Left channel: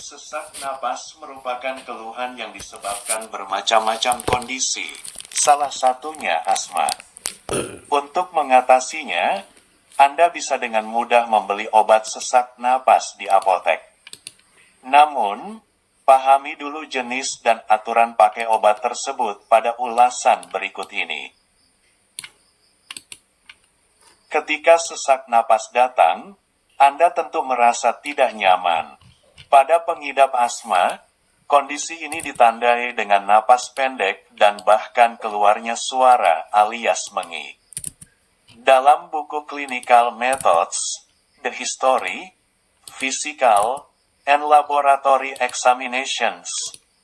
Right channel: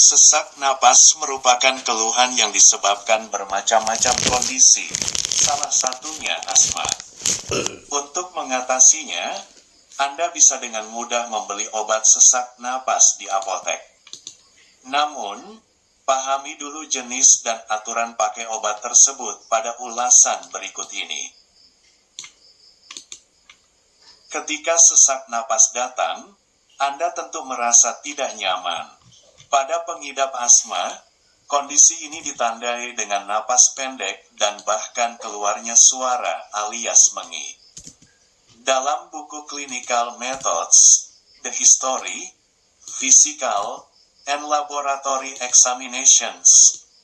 Sesak napas merupakan keluhan yang disebabkan bermacam-macam kondisi, salah satunya asma. Untuk mengatasinya, Anda bisa dengan mudah membeli obat sesak napas di apotek. Namun, pahami dulu jenis dan aturan pakai obat tersebut pada ulasan berikut ini. Ketika sesak napas datang, Anda tentu merasa tidak nyaman. Pada pengidap asma, kondisi ini ditandai dengan napas pendek dan bahkan keluarnya suara alias mengik. Dalam buku Clinical Methods, The History, Physical, and Laboratory Examinations,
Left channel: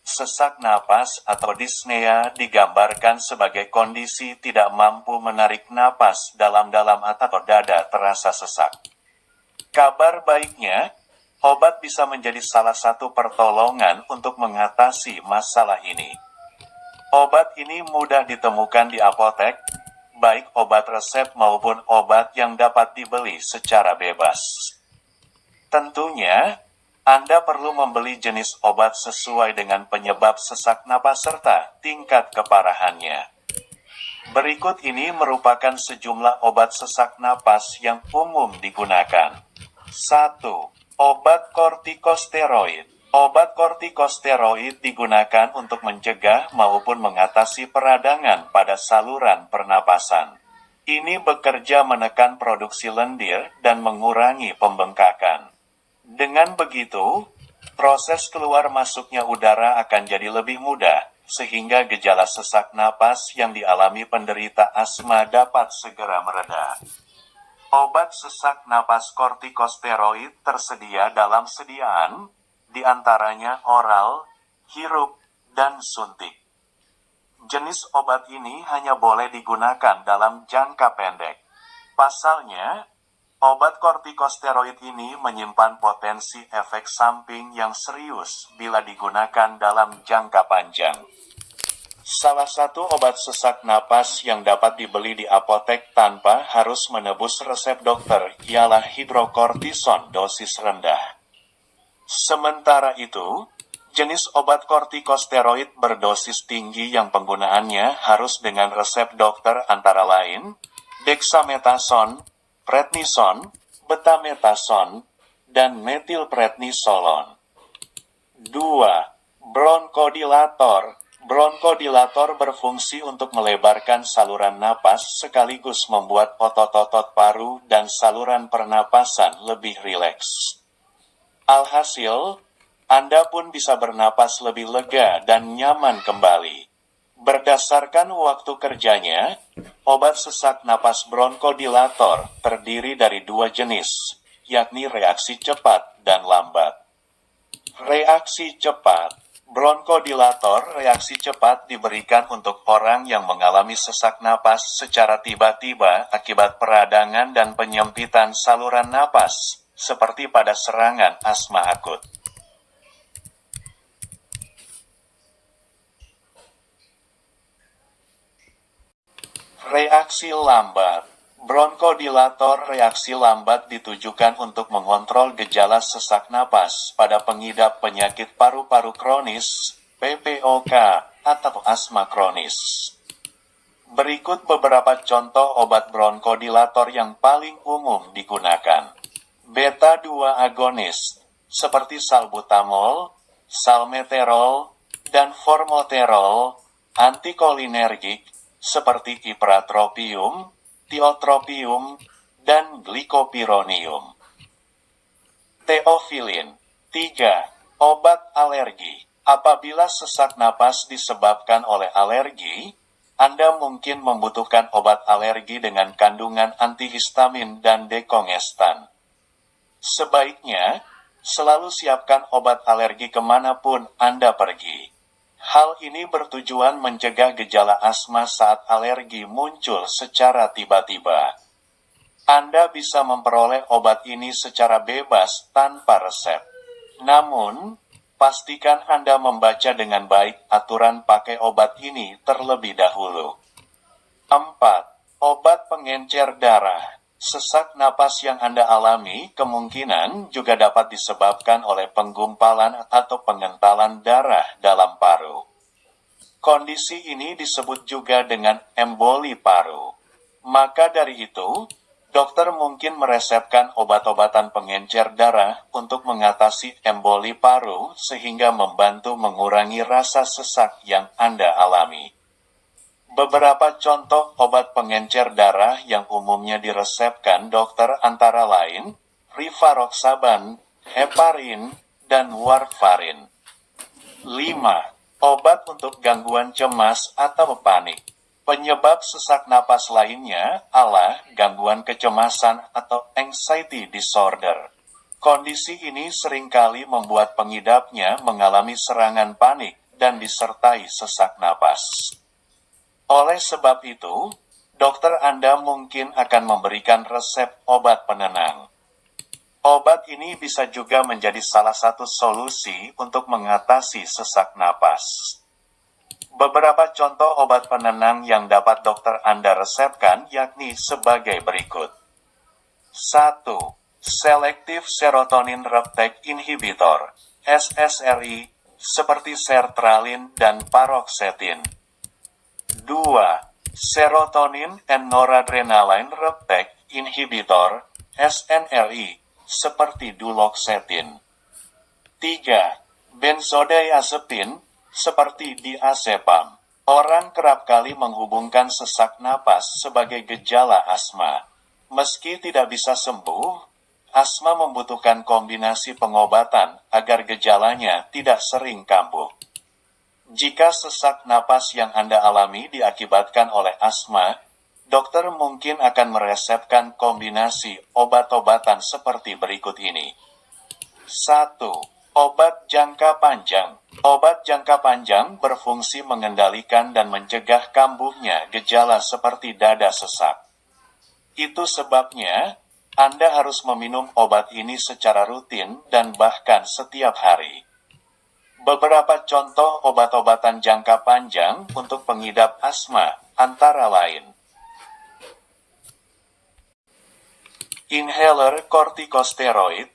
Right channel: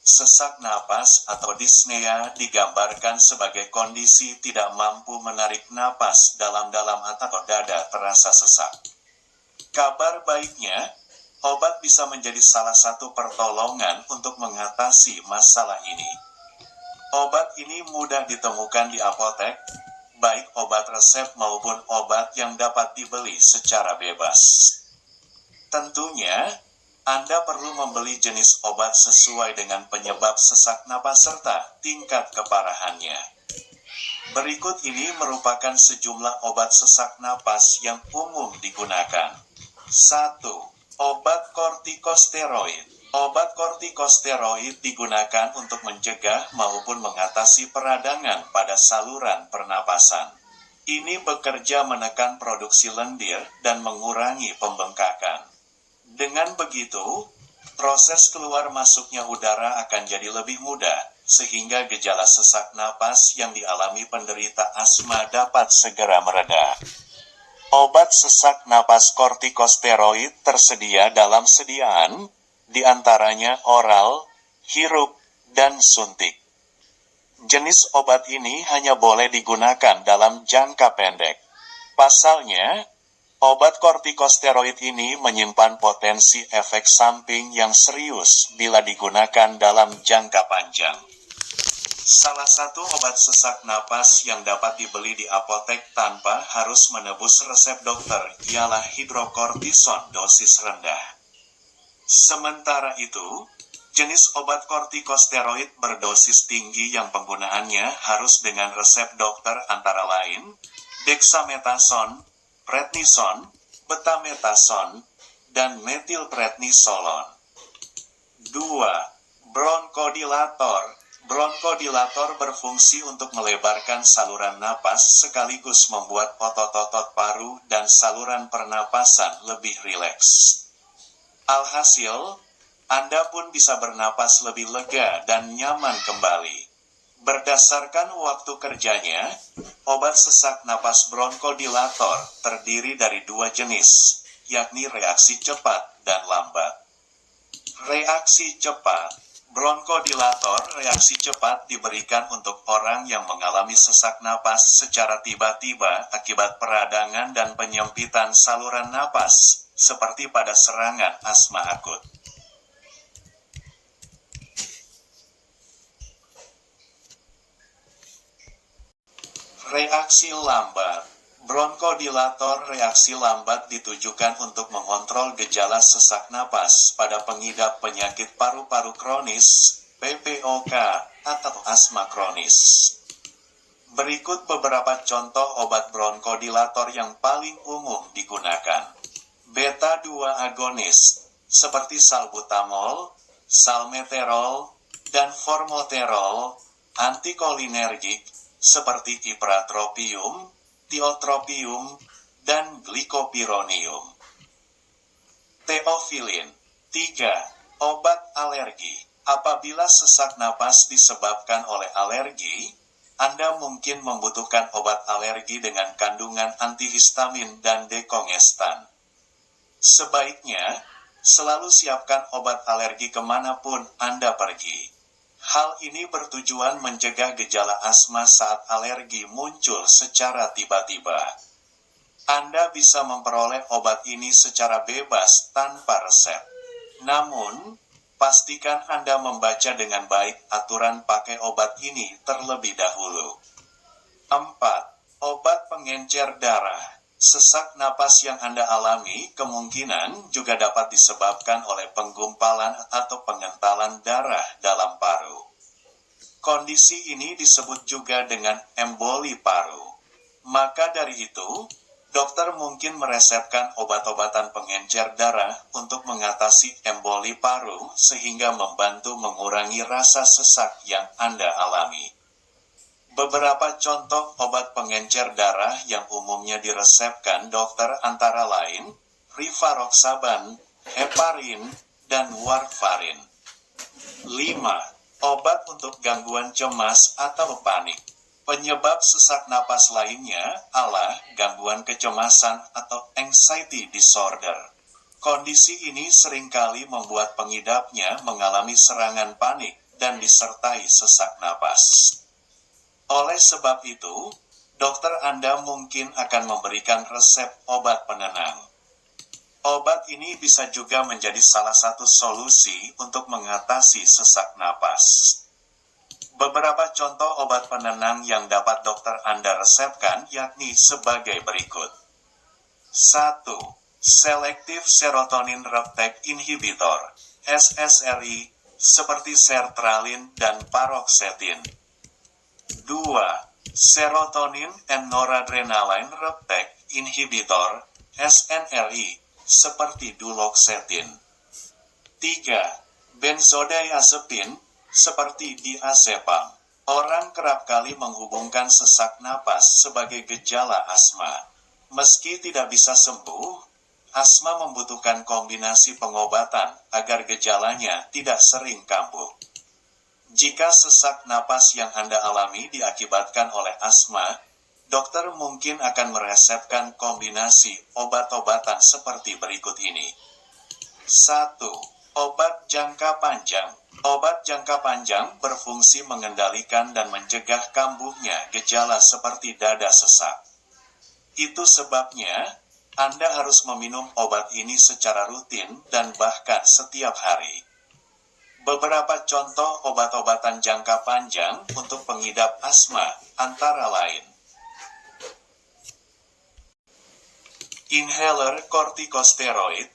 sesak napas atau dyspnea digambarkan sebagai kondisi tidak mampu menarik napas dalam-dalam atau dada terasa sesak. Kabar baiknya, obat bisa menjadi salah satu pertolongan untuk mengatasi masalah ini. Obat ini mudah ditemukan di apotek, baik obat resep maupun obat yang dapat dibeli secara bebas. Tentunya, Anda perlu membeli jenis obat sesuai dengan penyebab sesak napas serta tingkat keparahannya. Berikut ini merupakan sejumlah obat sesak napas yang umum digunakan. 1. Obat kortikosteroid. Obat kortikosteroid digunakan untuk mencegah maupun mengatasi peradangan pada saluran pernapasan. Ini bekerja menekan produksi lendir dan mengurangi pembengkakan. Dengan begitu, proses keluar masuknya udara akan jadi lebih mudah, sehingga gejala sesak napas yang dialami penderita asma dapat segera mereda. Obat sesak napas kortikosteroid tersedia dalam sediaan, di antaranya oral, hirup, dan suntik. Jenis obat ini hanya boleh digunakan dalam jangka pendek. Pasalnya, obat kortikosteroid ini menyimpan potensi efek samping yang serius bila digunakan dalam jangka panjang. Salah satu obat sesak napas yang dapat dibeli di apotek tanpa harus menebus resep dokter ialah hidrokortison dosis rendah. Sementara itu, jenis obat kortikosteroid berdosis tinggi yang penggunaannya harus dengan resep dokter antara lain dexamethasone, prednison, betamethasone, dan metilprednisolon. 2. Bronkodilator. Bronkodilator berfungsi untuk melebarkan saluran napas sekaligus membuat otot-otot paru dan saluran pernapasan lebih rileks. Alhasil, Anda pun bisa bernapas lebih lega dan nyaman kembali. Berdasarkan waktu kerjanya, obat sesak napas bronkodilator terdiri dari dua jenis, yakni reaksi cepat dan lambat. Reaksi cepat. Bronkodilator reaksi cepat diberikan untuk orang yang mengalami sesak napas secara tiba-tiba akibat peradangan dan penyempitan saluran napas, seperti pada serangan asma akut. Reaksi lambat. Bronkodilator reaksi lambat ditujukan untuk mengontrol gejala sesak napas pada pengidap penyakit paru-paru kronis, PPOK, atau asma kronis. Berikut beberapa contoh obat bronkodilator yang paling umum digunakan. Beta-2 agonis, seperti salbutamol, salmeterol, dan formoterol, antikolinergik, seperti ipratropium, tiotropium, dan glikopironium. Teofilin. 3. Obat alergi. Apabila sesak napas disebabkan oleh alergi, Anda mungkin membutuhkan obat alergi dengan kandungan antihistamin dan dekongestan. Sebaiknya, selalu siapkan obat alergi kemanapun Anda pergi. Hal ini bertujuan mencegah gejala asma saat alergi muncul secara tiba-tiba. Anda bisa memperoleh obat ini secara bebas tanpa resep. Namun, pastikan Anda membaca dengan baik aturan pakai obat ini terlebih dahulu. 4. Obat pengencer darah. Sesak napas yang Anda alami kemungkinan juga dapat disebabkan oleh penggumpalan atau pengentalan darah dalam paru. Kondisi ini disebut juga dengan emboli paru. Maka dari itu, dokter mungkin meresepkan obat-obatan pengencer darah untuk mengatasi emboli paru sehingga membantu mengurangi rasa sesak yang Anda alami. Beberapa contoh obat pengencer darah yang umumnya diresepkan dokter antara lain rivaroxaban, heparin, dan warfarin. 5. Obat untuk gangguan cemas atau panik. Penyebab sesak napas lainnya adalah gangguan kecemasan atau anxiety disorder. Kondisi ini seringkali membuat pengidapnya mengalami serangan panik dan disertai sesak napas. Oleh sebab itu, dokter Anda mungkin akan memberikan resep obat penenang. Obat ini bisa juga menjadi salah satu solusi untuk mengatasi sesak napas. Beberapa contoh obat penenang yang dapat dokter Anda resepkan yakni sebagai berikut. 1. Selective Serotonin Reuptake Inhibitor, SSRI, seperti sertralin dan paroxetine. 2. Serotonin and Noradrenaline Reuptake Inhibitor, SNRI, seperti duloxetine. 3. Benzodiazepine, seperti diazepam. Orang kerap kali menghubungkan sesak napas sebagai gejala asma. Meski tidak bisa sembuh, asma membutuhkan kombinasi pengobatan agar gejalanya tidak sering kambuh. Jika sesak napas yang Anda alami diakibatkan oleh asma, dokter mungkin akan meresepkan kombinasi obat-obatan seperti berikut ini. 1. Obat jangka panjang. Obat jangka panjang berfungsi mengendalikan dan mencegah kambuhnya gejala seperti dada sesak. Itu sebabnya, Anda harus meminum obat ini secara rutin dan bahkan setiap hari. Beberapa contoh obat-obatan jangka panjang untuk pengidap asma, antara lain. Inhaler kortikosteroid,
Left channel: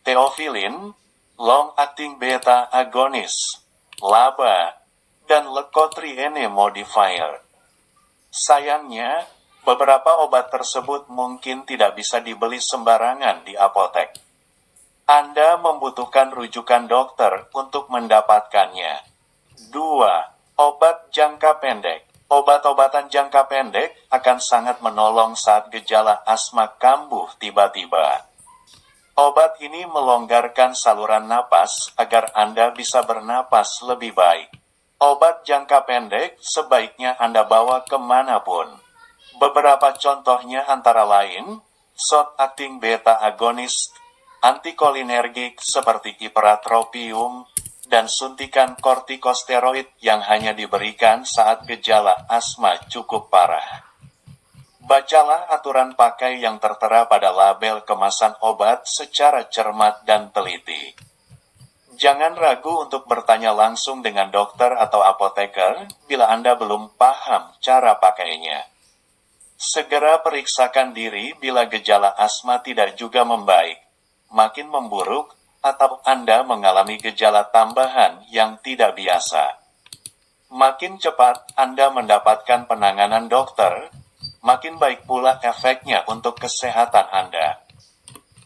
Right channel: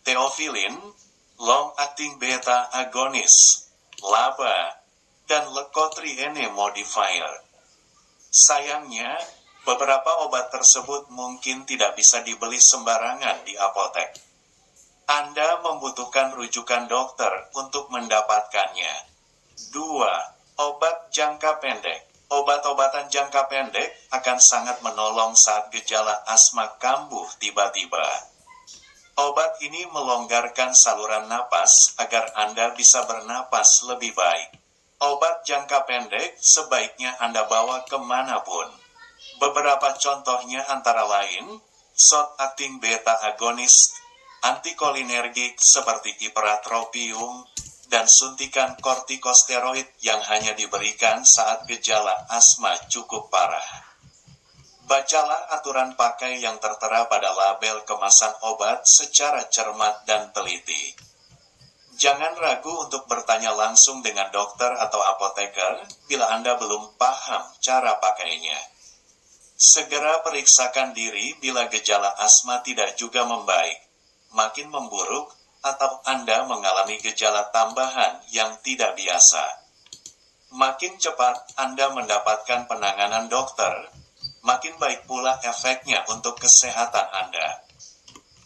theophylline, long-acting beta agonis, LABA, dan leukotriene modifier. Sayangnya, beberapa obat tersebut mungkin tidak bisa dibeli sembarangan di apotek. Anda membutuhkan rujukan dokter untuk mendapatkannya. 2. Obat jangka pendek. Obat-obatan jangka pendek akan sangat menolong saat gejala asma kambuh tiba-tiba. Obat ini melonggarkan saluran napas agar Anda bisa bernapas lebih baik. Obat jangka pendek sebaiknya Anda bawa kemanapun. Beberapa contohnya antara lain, short-acting beta agonis, antikolinergik seperti ipratropium, dan suntikan kortikosteroid yang hanya diberikan saat gejala asma cukup parah. Bacalah aturan pakai yang tertera pada label kemasan obat secara cermat dan teliti. Jangan ragu untuk bertanya langsung dengan dokter atau apoteker bila Anda belum paham cara pakainya. Segera periksakan diri bila gejala asma tidak juga membaik, makin memburuk, atau Anda mengalami gejala tambahan yang tidak biasa. Makin cepat Anda mendapatkan penanganan dokter, makin baik pula efeknya untuk kesehatan Anda.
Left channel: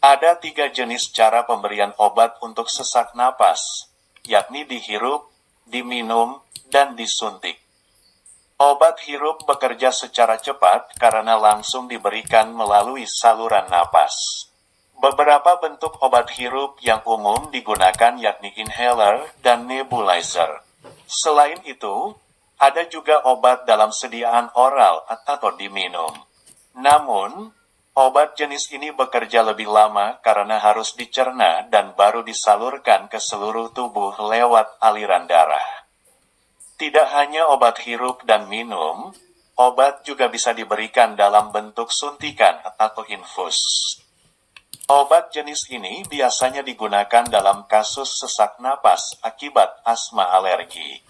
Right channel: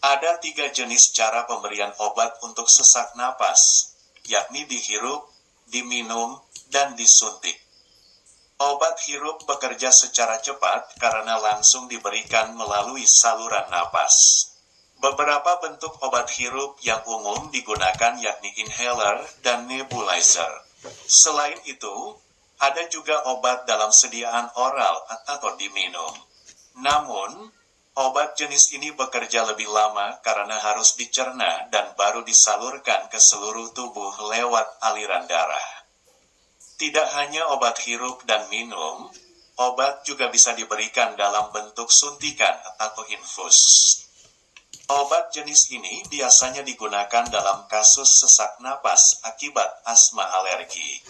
Ada 3 jenis cara pemberian obat untuk sesak napas, yakni dihirup, diminum, dan disuntik. Obat hirup bekerja secara cepat karena langsung diberikan melalui saluran napas. Beberapa bentuk obat hirup yang umum digunakan yakni inhaler dan nebulizer. Selain itu, ada juga obat dalam sediaan oral atau diminum. Namun, obat jenis ini bekerja lebih lama karena harus dicerna dan baru disalurkan ke seluruh tubuh lewat aliran darah. Tidak hanya obat hirup dan minum, obat juga bisa diberikan dalam bentuk suntikan atau infus. Obat jenis ini biasanya digunakan dalam kasus sesak napas akibat asma alergi.